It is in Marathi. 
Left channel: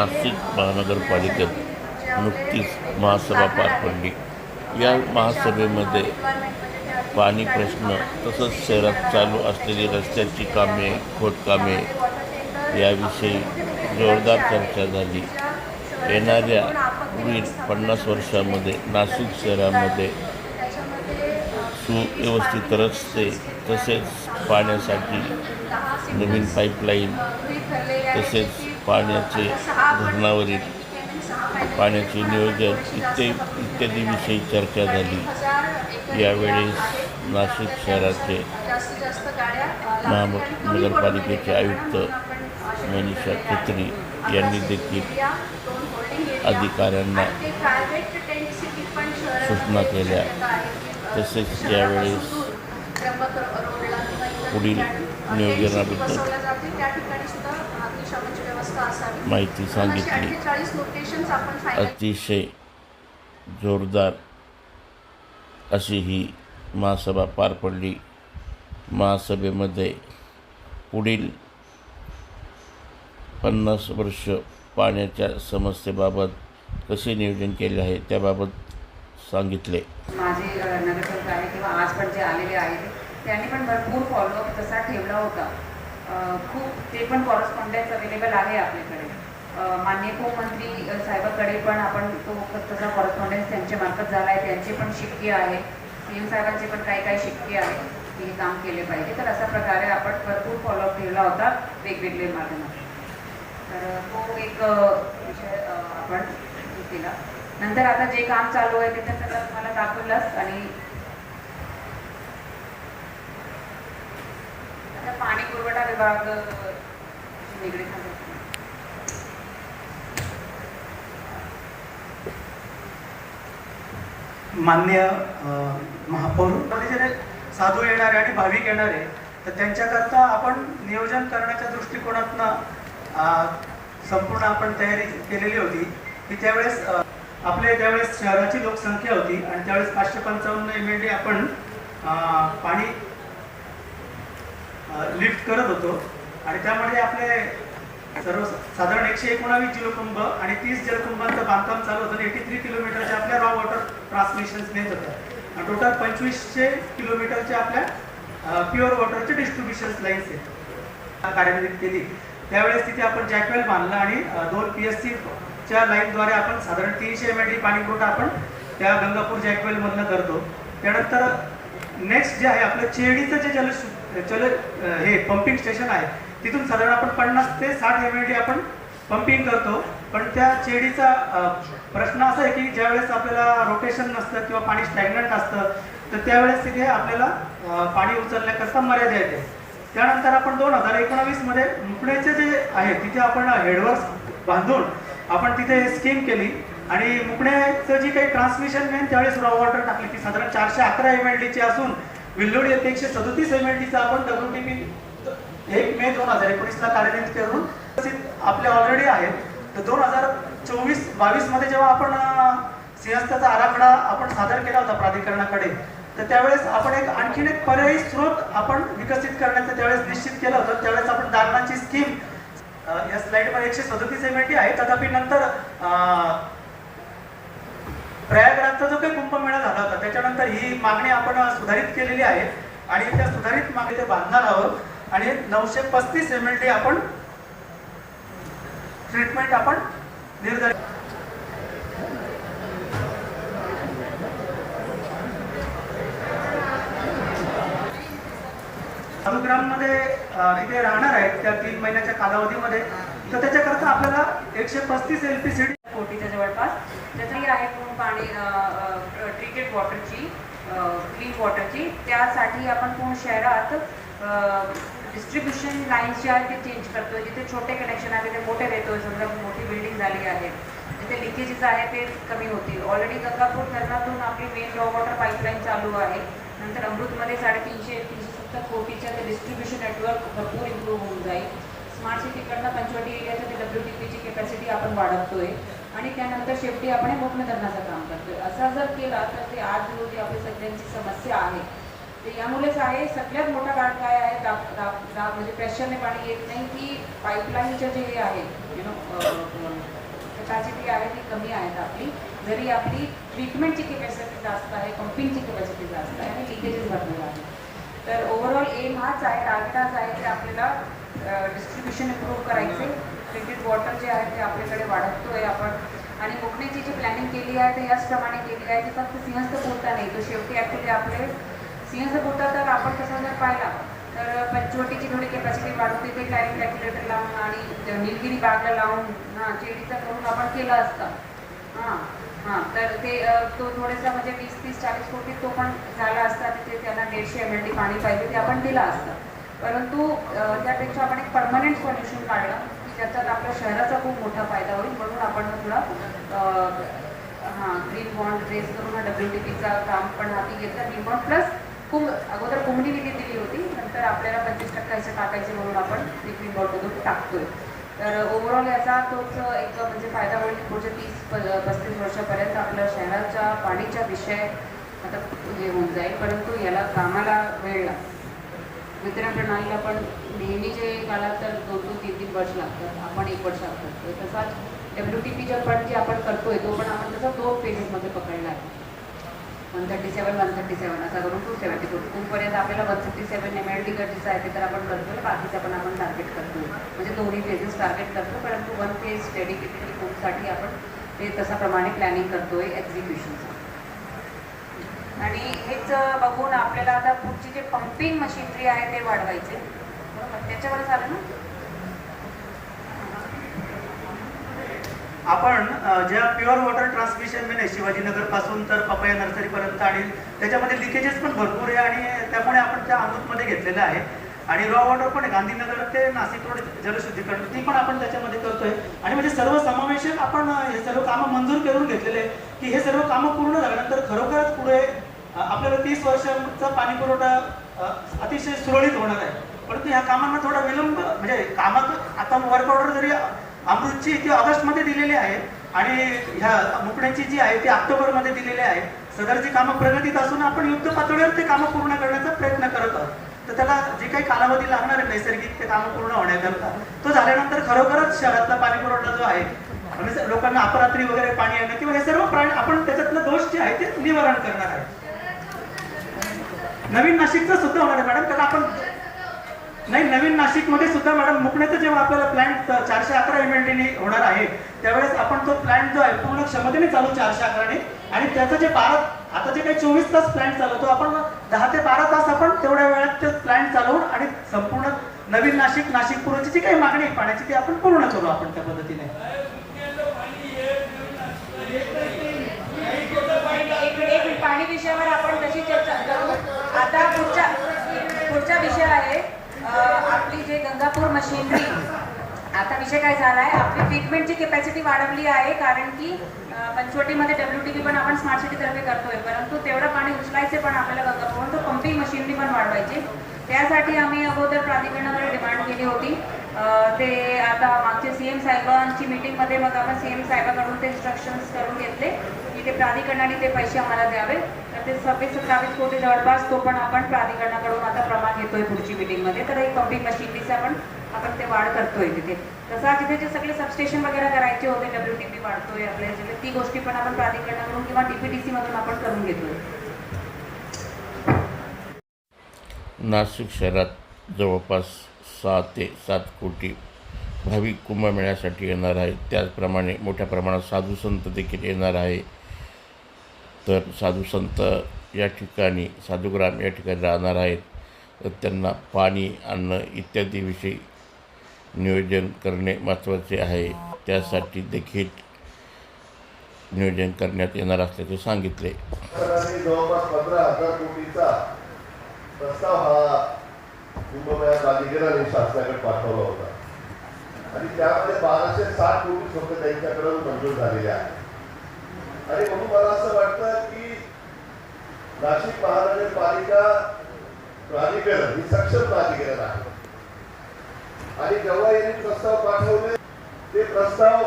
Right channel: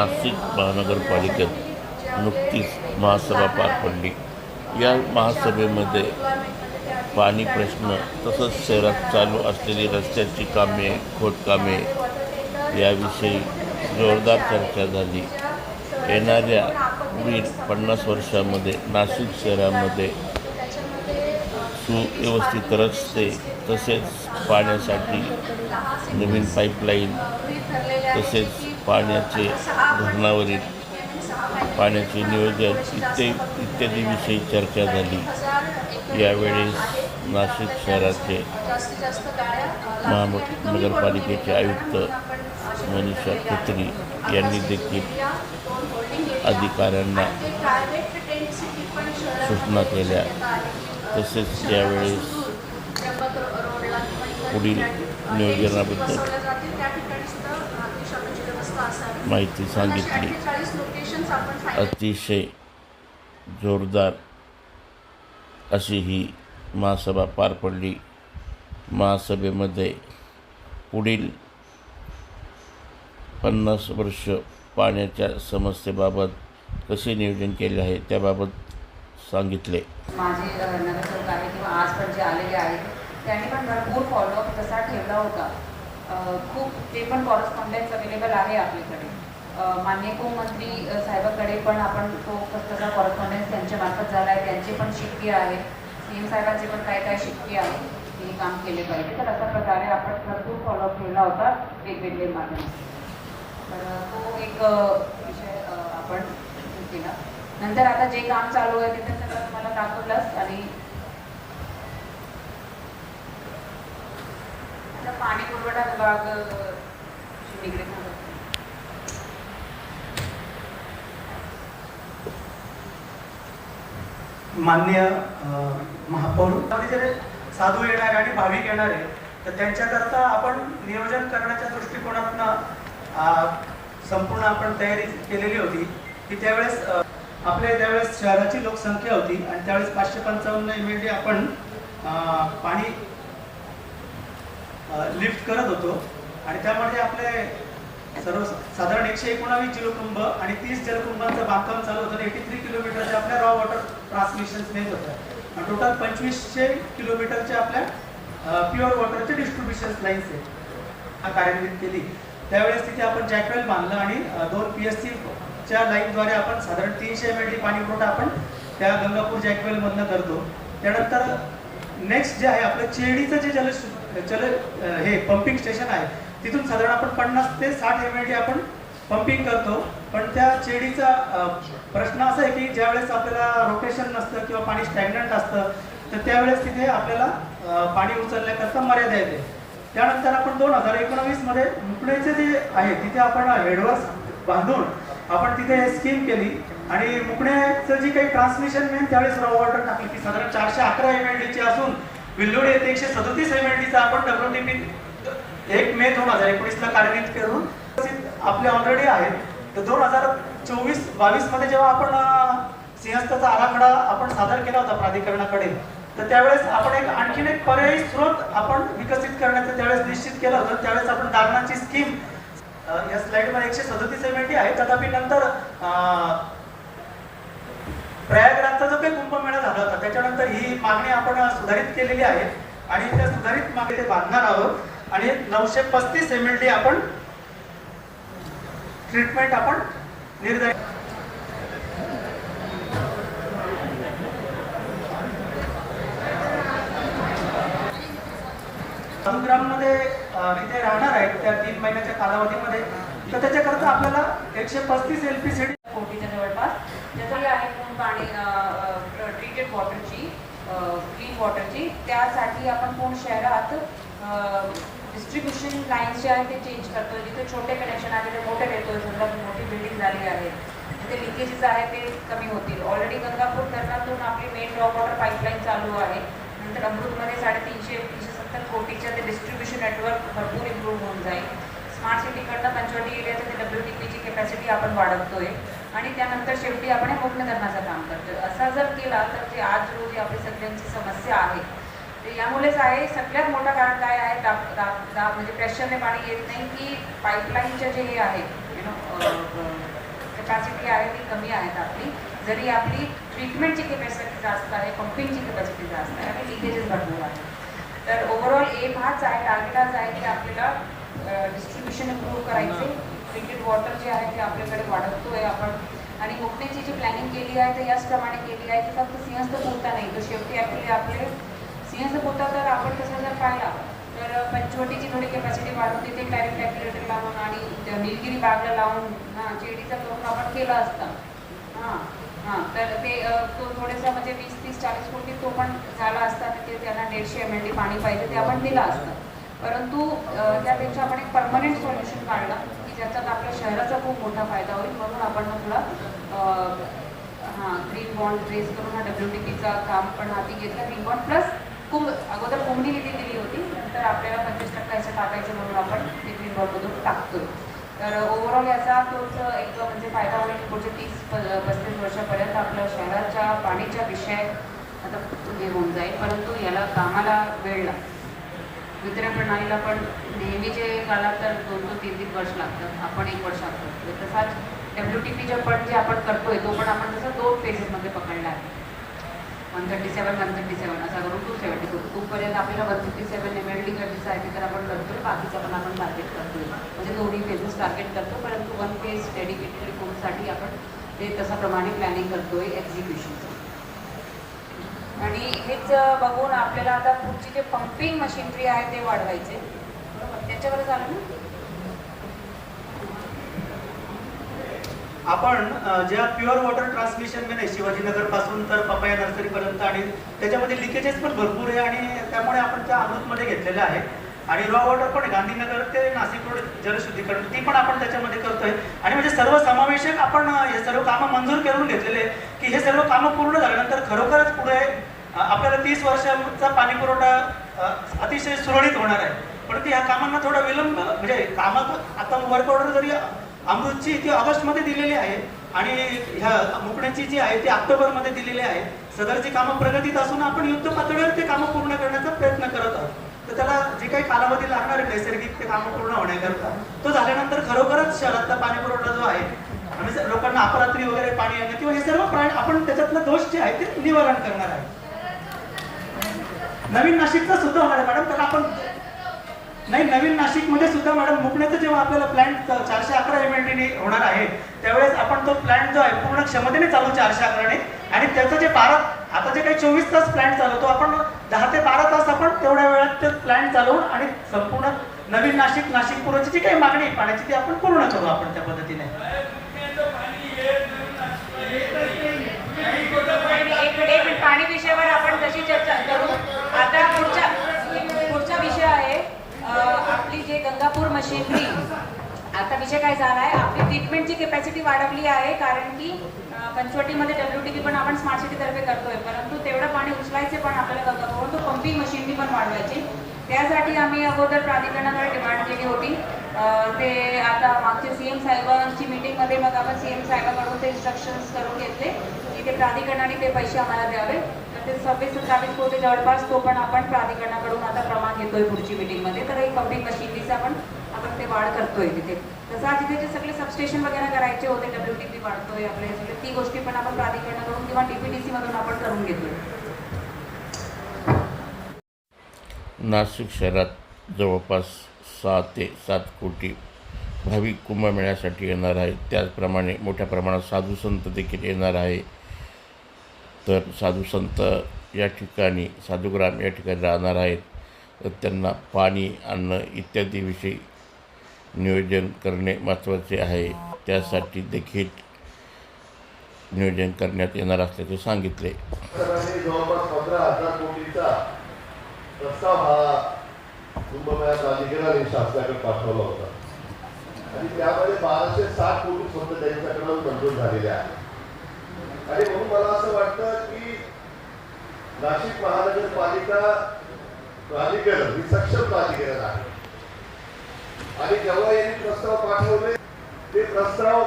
नाशिक महानगरपालिकेत नुकतीच महासभा पार पडली। या महासभेमध्ये पाणी प्रश्न तसंच शहरात चालू असलेली रस्त्याची कामे, खोदकामे याविषयी जोरदार चर्चा झाली। येणाऱ्या पुढील 50 वर्षांमध्ये नाशिक शहरामध्ये सुव्यवस्थित रस्ते तसेच पाण्यासाठी नवीन पाईपलाईन तसेच पाण्याचे धरणावरील पाण्याचे नियोजन इत्यादी विषयी चर्चा झाली। यावेळेस नाशिक शहराचे महानगरपालिकेचे आयुक्त मनीषा खत्री यांनी देखील अधिकाऱ्यांना सूचना केल्या। तसेच यावेळेस पुढील नियोजनाबद्दल माहिती सांगितली। अतिशय जोरदार अशी ही महासभा पार पडली। महासभेमध्ये पुढील 50 वर्ष पाण्याच्या समस्येबाबत कसे नियोजन केले आहे त्याबाबत सांगितले। माझे नगरसेवक आहे किंवा आज पण जे आलेले आहेत त्यांनी पण भरपूर फॉलोअप तसा ठेवला होता। खूप ते पण कॉरेस्पॉन्डन्स अवेलेबल आहे आपल्याकडे। माननीय गृहमंत्री साहेबांकडे पण आपण तो तसा कॉरेस्पॉन्डन्स त्यांच्या मार्फत झाला आहे। त्यांचे पण शिक्के आहे, CM साहेबांचे पण काही शिक्के आहेत की हे काम केले पाहिजे। तर अशा प्रकारे आपण भरपूर फॉलोअप ठेवला होता वेगवेगळे माध्यमात। तर तो एक विषय आपण केला। नंतर आता जे काम चालू आहे ते तर सगळं तुम्हाला दाखवलंच। आणि आता पाणी पुरवठा विभाग निगडीत मान्य महापौर साधू येणारे आणि भाविक येणारे तर त्यांच्याकरता आपण नियोजन करण्याच्या दृष्टिकोनातनं संपूर्ण आपण तयारी केलेली होती की त्यावेळेस आपल्या त्यावेळेस शहराची लोकसंख्या होती आणि त्यावेळेस 555 MLD आपण पाणी लिफ्ट करत होतो आणि त्यामध्ये आपले साधारण 119 जलकुंभ आणि 30 जलकुंभांचं बांधकाम चालू होतं। 83 किलोमीटरचे आपल्या रॉ वॉटर ट्रान्समिशन नेत होतं आणि टोटल 2500 किलोमीटरचे आपल्या प्युअर वॉटरचे डिस्ट्रीब्युशन लाईन्स आहे कार्यान्वित केली। त्यावेळेस तिथे आपण जॅकवेल बांधला आणि 2 PSC च्या लाईनद्वारे आपण साधारण 300 MLD पाणी पुरवठा आपण त्या गंगापूर जॅकवेल मधनं करतो। त्यानंतर नेक्स्ट जे आहे आपलं चेडीचं जे हे पंपिंग स्टेशन आहे तिथून साधारण आपण 50 ते 60 MLD आपण पंपिंग करतो। पण त्या चेडीचा प्रश्न असा आहे की ज्यावेळेस आपल्याला रोटेशन नसतं किंवा पाणी स्टॅग्नंट असतं तर त्यावेळेस तिथे आपल्याला पाणी उचलण्याकरता मर्यादा येते। त्यानंतर आपण 2019 मध्ये मुकण्याचे जे आहे तिथे आपण हेडवर्स बांधून आपण तिथे स्कीम केली आणि मुकण्याचं जी काही ट्रान्समिशन मेन त्यावेळेस रॉ वॉटर टाकली ती साधारण 411 MLD ची असून विल्लोडी येथे 137 MLD चा आपण WTP 1 मे 2019 ला कार्यान्वित करून आपले ऑलरेडी आहेत। तर 2024-22 मध्ये जेव्हा आपण सिंहस्थाचा आराखडा आपण सादर केला होता प्राधिकरणाकडे तर त्यावेळेस आपण आणखीन एक पर्यायी स्रोत आपण विकसित करण्याचं त्यावेळेस निश्चित केलं होतं। त्यावेळेस आपण दारणाची स्कीम या स्लाइडमध्ये 137 MLD आहे। तथापि नंतर प्रयागराजचा जो काही कुंभमेळा झाला होता त्याच्यानंतर ही मागणी आपण सुधारित केलेली आहे आणि त्या सुधारित मागणी ते बांधणार आहोत आणि 935 MLD आपण ट्रीटमेंट आपण निर्धारित मध्ये इथे राहणार आहेत त्या 3 महिन्याच्या कालावधीमध्ये। तर त्याच्याकरता आपल्याला 135 LPCD कोटीच्या जवळपास ज्याची आहे पाणी ट्रीटेड वॉटरची क्लीन वॉटरची त्यासाठी आपण पूर्ण शहरात डिस्ट्रीब्युशन लाईन्स जे आहेत ते चेंज करतोय। जिथे छोटे कनेक्शन आहे ते मोठे देतोय। समजा मोठी बिल्डिंग झाली आहे जिथे लिकेजेस आहे ते कमी होतील। ऑलरेडी गंगापूर धरणातून आपली मेन रॉ वॉटर पाईपलाईन चालू आहे। नंतर अमृतमध्ये 370 कोटीचं ते डिस्ट्रीब्युशन नेटवर्क भरपूर इम्प्रूव्ह होऊन जाईल। स्मार्ट सिटीकडनं पंचवटी एरियाचं ते WTPची कॅपॅसिटी आपण वाढवतोय आणि त्यानंतर शेवटी आपण मोकणे धरणाचं काम करतोय। असा जर केला तर जे आज रोजी आपली सगळ्यांची समस्या आहे ते यामुळेच आहे। सगळ्यात मोठा कारण काय आहे म्हणजे प्रेशरने पाणी येत नाही की पाईपलाईनचे जे हे आहे कॅपॅसिटी आहे ती कमी आहेत आपली. जरी आपली ट्रीटमेंटची कॅपॅसिटी जास्त आहे, पंपिंगची कॅपॅसिटी जास्त आहे आणि लिकेजेस भरपूर आहे. तर ओव्हरऑल एम हाच आहे, टार्गेट हाच आहे की आपल्याला डिस्ट्रीब्युशन इम्प्रूव्ह करायचे. ट्रीटेड वॉटर जे आहे ते आपल्याकडे वाढवतोय आपण. आणि मुकण्याची जी प्लॅनिंग केली आहे ते याचप्रमाणे केली आहे की फक्त सिंहस्थ पुरता नाही, तर शेवटी ॲक्च्युली आपले सिंहस्थ पुरता तर आपण तसं जर पाहिला तर पंचवटीची थोडी कॅपॅसिटी वाढवून तिथे डायरेक्ट ॲक्युलेटर लावून आणि निलगिरी बागला लावून चेडीचा करून आपण केला असता. तर ते तो थोडासा म्हणजे 20-30-40 कोटी तो पण झाला असता. तिथे त्यांना 150 ml पाणी पाहिजे ते आपण दिलं असतं. परंतु त्यापेक्षा आपण एक परमनंट सोल्युशन काढलं की ज्याच्यात आपल्या शहराचा खूप मोठा फायदा होईल. म्हणून आपण थोडा ग्रीन बॉन्ड रेस करून WTPचा काम पण हाती घेतलं. ग्रीन बॉन्ड प्लस अगोदर कोम्युनिटी दिली होती, नंतर आपल्याला 25% असं टाकायचं म्हणून आपण ते ग्रीन बॉन्डमधून टाकतोय. तर ओव्हरऑल याचा तोच एक म्हणजे फायदा होईल. पुढच्या 30-35 वर्षापर्यंत आपल्या शहराच्या पाणीचा विषय आता हे होऊन जाईल. परंतु याला कामाला वेळ लागतो. वितरण प्रणालीला पण नेहमीचे काळात तर 2-3 वर्ष लागतात, आपण 1 वर्ष लागतो. तसाच WTP पण जे आपण करतोय तो पण आपण तसं 2 फेजेसमध्ये पकडला आहे. 137 असा करून 274 2पर्यंत आपल्याला 167 ml गरजेचं आहे ते तर आपण करतो. बाकीचं पण आपण टार्गेट करतो, म्हणजे दोन्ही फेजेस टार्गेट करतो. परंतु 1 फेज डेडिकेटेड कोर्ससाठी आपण ते तशाप्रमाणे प्लॅनिंग करतोय एक्झिक्युशनचं. आणि हेच बघून आपल्याला आता पुढची जे पंपिंग मशिनरी आहे ते वाढवायचे. बरोबर, त्याच्यावर झालं ना. आपण ज्या प्युअर वॉटर ट्रान्समिशन आहे शिवाजीनगर पासून तर पपया नर्सरीपर्यंत, आणि त्याच्यामध्ये लिकेजेस पण भरपूर आहे आणि त्यामुळे आपण त्या अमृतमध्ये घेतलेलं आहे. आणि रॉ वॉटर पण गांधीनगर ते नाशिक रोड जलशुद्धीकरण ती पण आपण त्याच्यामध्ये करतोय. आणि म्हणजे सर्व समावेशक आपण हे सर्व कामं मंजूर करून घेतलेले की हे सर्व कामं पूर्ण झाल्यानंतर खरोखरच पुढे आपल्याला 30 वर्षांचा पाणी पुरवठा अतिशय सुरळीत होणार आहे. परंतु ह्या कामांना थोडा विलंब, म्हणजे कामं आता वर्क ऑर्डर जरी अमृतची ती ऑगस्टमध्ये दिलेली आहे आणि ह्या मुकण्याची जी आहे ती ऑक्टोबरमध्ये दिलेली आहे. सदरची कामं प्रगतीत असून आपण युद्ध पातळीवर ते कामं पूर्ण करण्याचा प्रयत्न करत आहोत. तर त्याला जे काही कालावधी लागणार आहे नैसर्गिक ते कामं पूर्ण होण्याकरता, तो झाल्यानंतर खरोखरच शहरातला पाणी पुरवठा जो आहे म्हणजे लोकांना अपरात्री वगैरे पाणी येणं किंवा हे सर्व प्राणी आपण त्याच्यातलं दोष जे आहे ते निवारण करणार आहे. नवीन नाशिकचं सुद्धा होणार आहे मॅडम, त्याला आपण नाही नवीन नाशिकमध्ये सुद्धा मॅडम मुकण्याचं जेव्हा आपल्याला प्लॅन्ट 411 MLD होणार आहे त्यावेळेस आपण तो प्लॅन्ट जो आहे पूर्ण क्षमतेने चालू 411ने, आणि त्याचं जे आता जे काही 24 तास प्लॅन्ट चालवतो आपण 10 ते 12 तास आपण तेवढ्या वेळात ते प्लॅन्ट चालवून आणि संपूर्ण नवीन नाशिक पूर्वची जी काही मागणी आहे पाण्याची ती आपण पूर्ण करू आपण त्या पद्धतीने. पाणी विषयावर आपण कशी चर्चा करू. आता पुढचा विषय आहे आपली जे गंगापूर मशिनरी. आता विषय काय झाला आहे, आपली ट्रीटमेंटची कॅपॅसिटी वाढवली आहे कारण की पंचवटीमध्ये WTP पण आपण स्मार्ट सिटीतर्फे करतोय. परंतु तेवढं पाणी उचलायचे पण आपल्याला गंगापूर तो पंपिंग मशिनरी पण वाढवायची. त्यासाठी आम्ही अगोदर प्राधिकरणाकडे डिमांड केली होती. ते आता मागच्या CM साहेबांची मीटिंगमध्ये मग आपण CM साहेबांकडून ते इन्स्ट्रक्शन्स करून घेतले की ते प्राधिकरणाने ते पैसे आम्हाला द्यावे. ते 26-27 कोटी जवळपास तो पण आपण प्राधिकरणाकडून आता प्रमाण घेतोय पुढची मीटिंगमध्ये. तर एक पंपिंग मशिनरीचा आपण ते वाढ करतोय तिथे. तसा तिथे जे सगळे सबस्टेशन वगैरे करायचे होते WTP वाढतोय आपल्या सगळे, ती गोष्टी पण आपण प्राधिकरणाकडून किंवा DPTC मधून आपण करून घेतोय. नाशिक शहरात जवळपास 6 ते 7 कोटी भाविक कुंभमेळ्यासाठी येणार आहेत. त्याचप्रमाणे मोठ्या प्रमाणात साधू संत देखील येणार आहे. तर साधू संत या ठिकाणी साधुग्राम या ठिकाणी राहणार आहेत. तर त्यांना पाणी, अन्न इत्यादीविषयी नियोजन करणे महत्त्वाचे आहे. त्यासाठी देखील नियोजन करण्यात येणार असल्याचे सांगितले. जवळपास 15,000 कोटीचा प्रस्ताव हा कुंभमेळा प्राधिकरणाने शासनाकडे पाठवला होता आणि त्यामध्ये 1260 कोटी फक्त त्यांच्याकडे मंजूर झालेले आहे. आणि म्हणून मला असं वाटतं की नाशिक महानगरपालिका प्राधिकरण ही सक्षम प्राधिकरण आहे आणि जेव्हा यांनी प्रस्ताव पाठवले ते प्रस्ताव